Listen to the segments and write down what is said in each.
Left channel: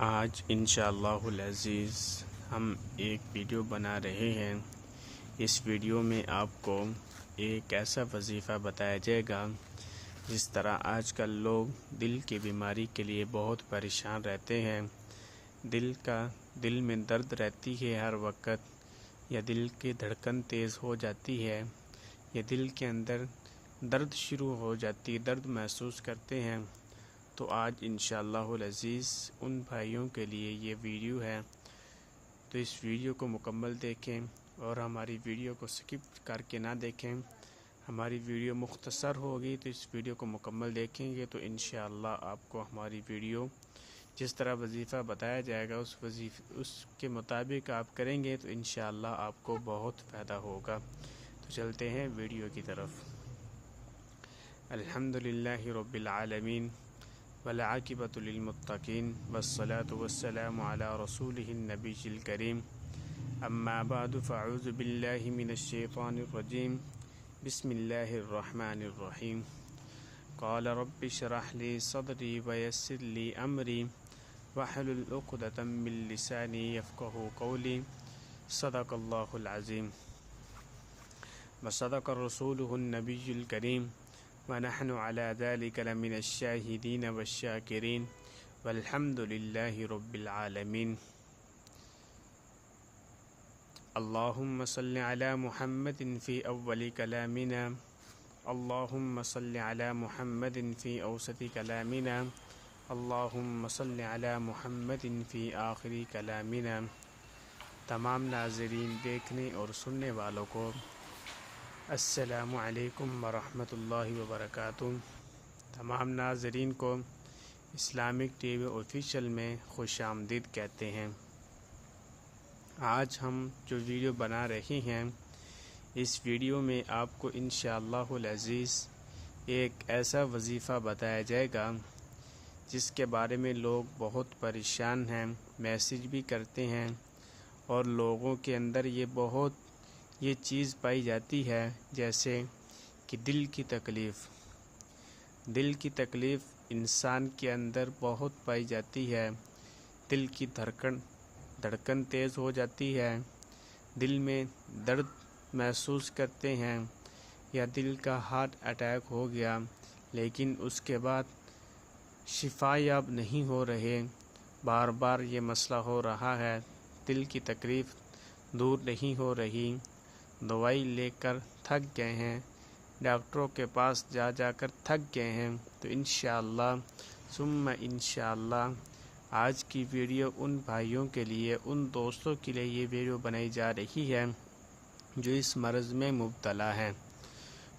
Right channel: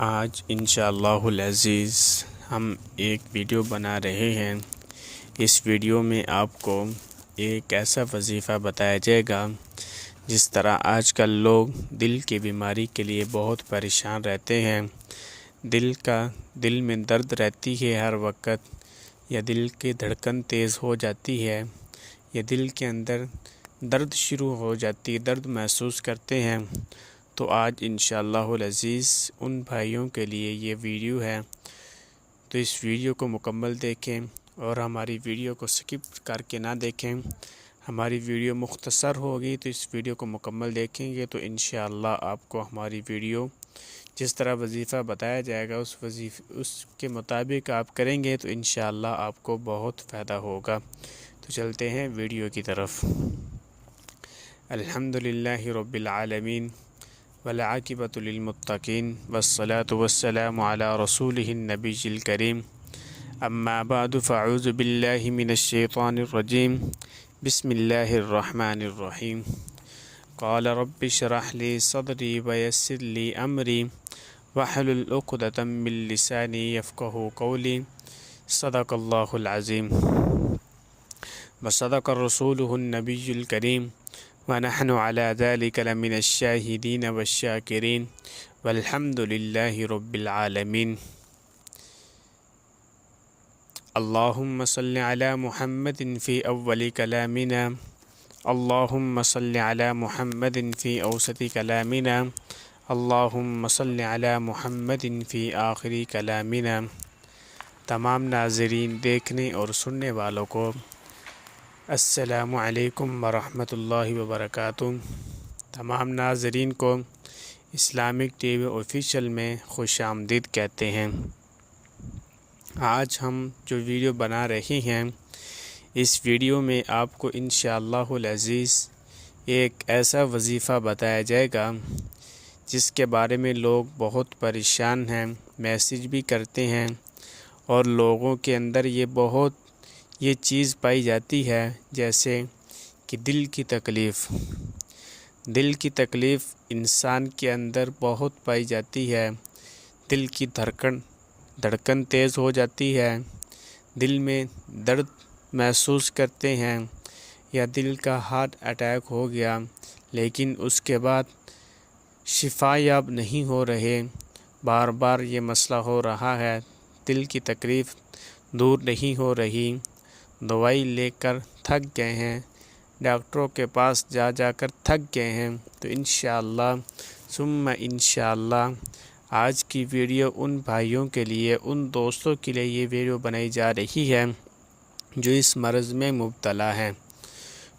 آج انشاءاللہ العزیز ہم ایک ویڈیو بنا رہے ہیں۔ اس ویڈیو میں آپ کو ایک ایسا وظیفہ بتایا جائے گا جس طرح آج کل لوگ دل کی بیماری کے لیے بہت پریشان رہتے ہیں۔ دل میں درد رہتی ہے ہر وقت، یا دل کی دھڑکن تیز ہو جاتی ہے، یا دل کے اندر درد شروع ہو جاتی ہے، درد محسوس کرتے ہیں۔ تو آج انشاءاللہ العزیز ان بھائیوں کے لیے یہ ویڈیو ہے، تو اس ویڈیو کو مکمل دیکھیں اور ہماری ویڈیو کو سکپ کر کے نہ دیکھیں۔ ہماری ویڈیو مختصر ہوگی تو اس ویڈیو کو مکمل دیکھیں گے تو انشاءاللہ آپ کو ہماری ویڈیو جس طرح وظیفہ بتایا جائے گا اس کے مطابق آپ کریں گے تو انشاءاللہ آپ کو بہت فائدہ ہوگا۔ تو چلتے ہیں ویڈیو کی طرف۔ الحمدللہ رب العالمین والعاقبۃ للمتقین والصلاة والسلام علی رسولہ النبی الکریم، اما بعد فاعوذ باللہ من الشیطان الرجیم، بسم اللہ الرحمن الرحیم۔ قال رب اشرح لی صدری ویسر لی امری واحلل عقدۃ من لسانی یفقہوا قولی، صدق اللہ العظیم وصدق رسولہ النبی الکریم، ونحن علی ذلک لمن الشاہدین والشاکرین، والحمد للہ رب العالمین۔ اللہم صل علی محمد فی اول کلامنا، اللہم صل علی محمد فی اوسط کلامنا، اللہم صل علی محمد فی آخری کلامنا۔ تمام ناظرین، دیکھنے اور سننے والوں کو السلام علیکم ورحمۃ اللہ وبرکاتہ۔ تمام ناظرین کو اسلامک ٹی وی آفیشیل میں خوش آمدید کہتے ہیں۔ آج ہم جو ویڈیو بنا رہے ہیں، اس ویڈیو میں آپ کو انشاءاللہ العزیز ایک ایسا وظیفہ بتایا جائے گا جس کے بارے میں لوگ بہت پریشان ہیں، میسیج بھی کرتے ہیں، اور لوگوں کے اندر یہ چیز پائی جاتی ہے جیسے کہ دل کی تکلیف انسان کے اندر بہت پائی جاتی ہے۔ دل کی دھڑکن تیز ہو جاتی ہے، دل میں درد محسوس کرتے ہیں، یا دل کا ہارٹ اٹیک ہو گیا لیکن اس کے بعد شفا یاب نہیں ہو رہے، بار بار یہ مسئلہ ہو رہا ہے، دل کی تکلیف دور نہیں ہو رہی، دوائی لے کر تھک گئے ہیں، ڈاکٹروں کے پاس جا کر تھک گئے ہیں، تو انشاءاللہ ثم انشاءاللہ آج کی ویڈیو ان بھائیوں کے لیے، ان دوستوں کے لیے یہ ویڈیو بنائی جا رہی ہے جو اس مرض میں مبتلا ہیں۔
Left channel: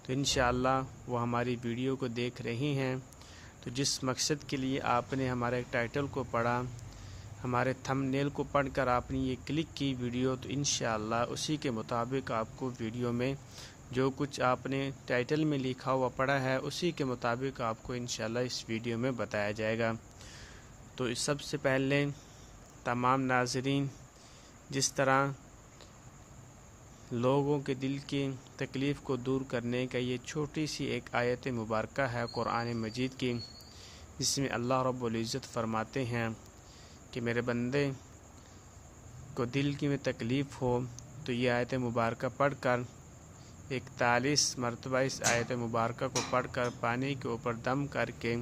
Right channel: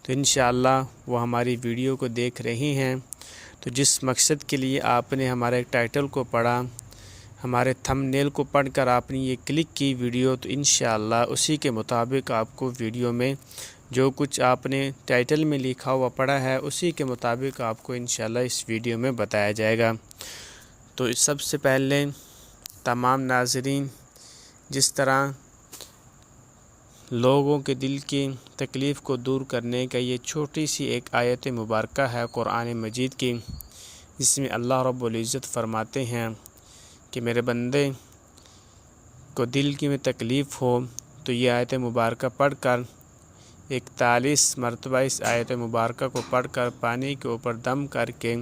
تو انشاءاللہ وہ ہماری ویڈیو کو دیکھ رہی ہیں، تو جس مقصد کے لیے آپ نے ہمارے ٹائٹل کو پڑھا، ہمارے تھم نیل کو پڑھ کر آپ نے یہ کلک کی ویڈیو، تو انشاءاللہ اسی کے مطابق آپ کو ویڈیو میں جو کچھ آپ نے ٹائٹل میں لکھا ہوا پڑھا ہے اسی کے مطابق آپ کو انشاءاللہ اس ویڈیو میں بتایا جائے گا۔ تو سب سے پہلے تمام ناظرین، جس طرح لوگوں کے دل کی تکلیف کو دور کرنے کا یہ چھوٹی سی ایک آیت مبارکہ ہے قرآن مجید کی، جس میں اللہ رب العزت فرماتے ہیں کہ میرے بندے کو دل کی میں تکلیف ہو تو یہ آیت مبارکہ پڑھ کر 41 مرتبہ اس آیت مبارکہ کو پڑھ کر پانی کے اوپر دم کر کے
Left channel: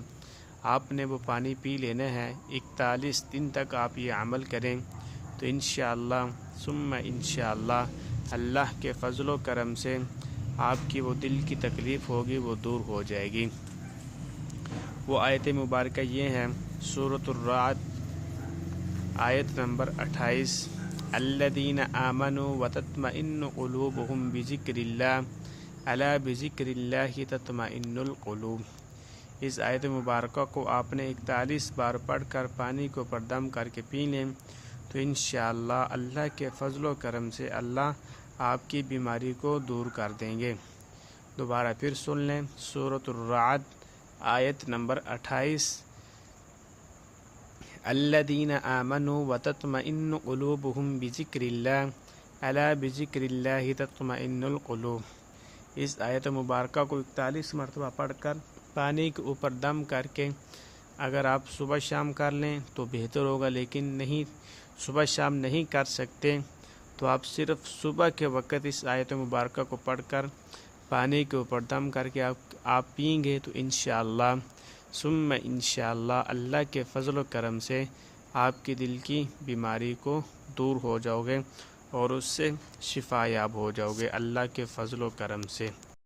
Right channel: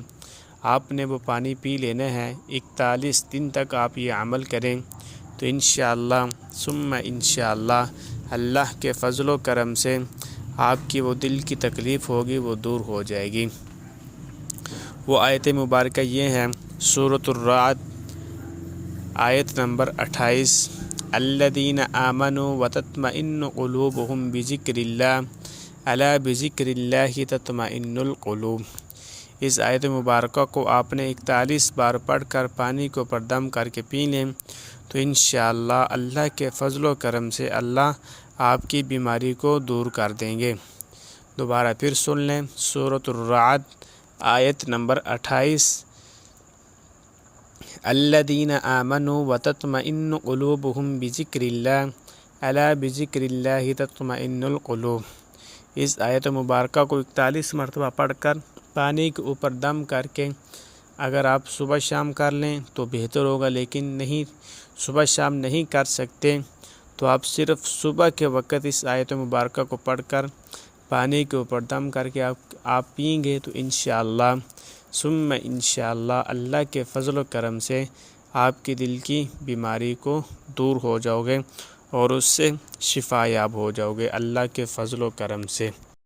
آپ نے وہ پانی پی لینا ہے۔ 41 دن تک آپ یہ عمل کریں تو انشاءاللہ ثم انشاءاللہ اللہ کے فضل و کرم سے آپ کی وہ دل کی تکلیف ہوگی وہ دور ہو جائے گی۔ وہ آیت مبارکہ یہ ہے، سورۃ الرعد آیت نمبر 28، الذین آمنوا وتطمئن قلوبهم بذکر اللہ الا بذکر اللہ تطمئن القلوب۔ اس آیت مبارکہ کو آپ نے 41 بار پڑھ کر پانی کے اوپر دم کر کے پی لیں تو انشاءاللہ اللہ کے فضل و کرم سے اللہ آپ کی بیماری کو دور کر دیں گے۔ دوبارہ پھر سن لیں، سورۃ الرعد آیت نمبر 28، الذین آمنوا وتطمئن قلوبهم بذکر اللہ الا بذکر اللہ تطمئن القلوب۔ اس آیت مبارکہ کو 41 مرتبہ پڑھ کر پانی کے اوپر دم کر کے اگر آپ صبح شام کر لیں تو بہتر ہوگا، لیکن نہیں صبح شام نہیں کر سکتے تو آپ صرف صبح کے وقت اس آیت مبارکہ کو پڑھ کر پانی کے اوپر دم کر کے آپ پئیں گے تو انشاءاللہ ثم انشاءاللہ اللہ کے فضل و کرم سے آپ کی دل کی بیماری کو دور ہو جاؤ گے اور اس سے شفا یاب ہو جاؤ گے اللہ کے فضل و کرم سے۔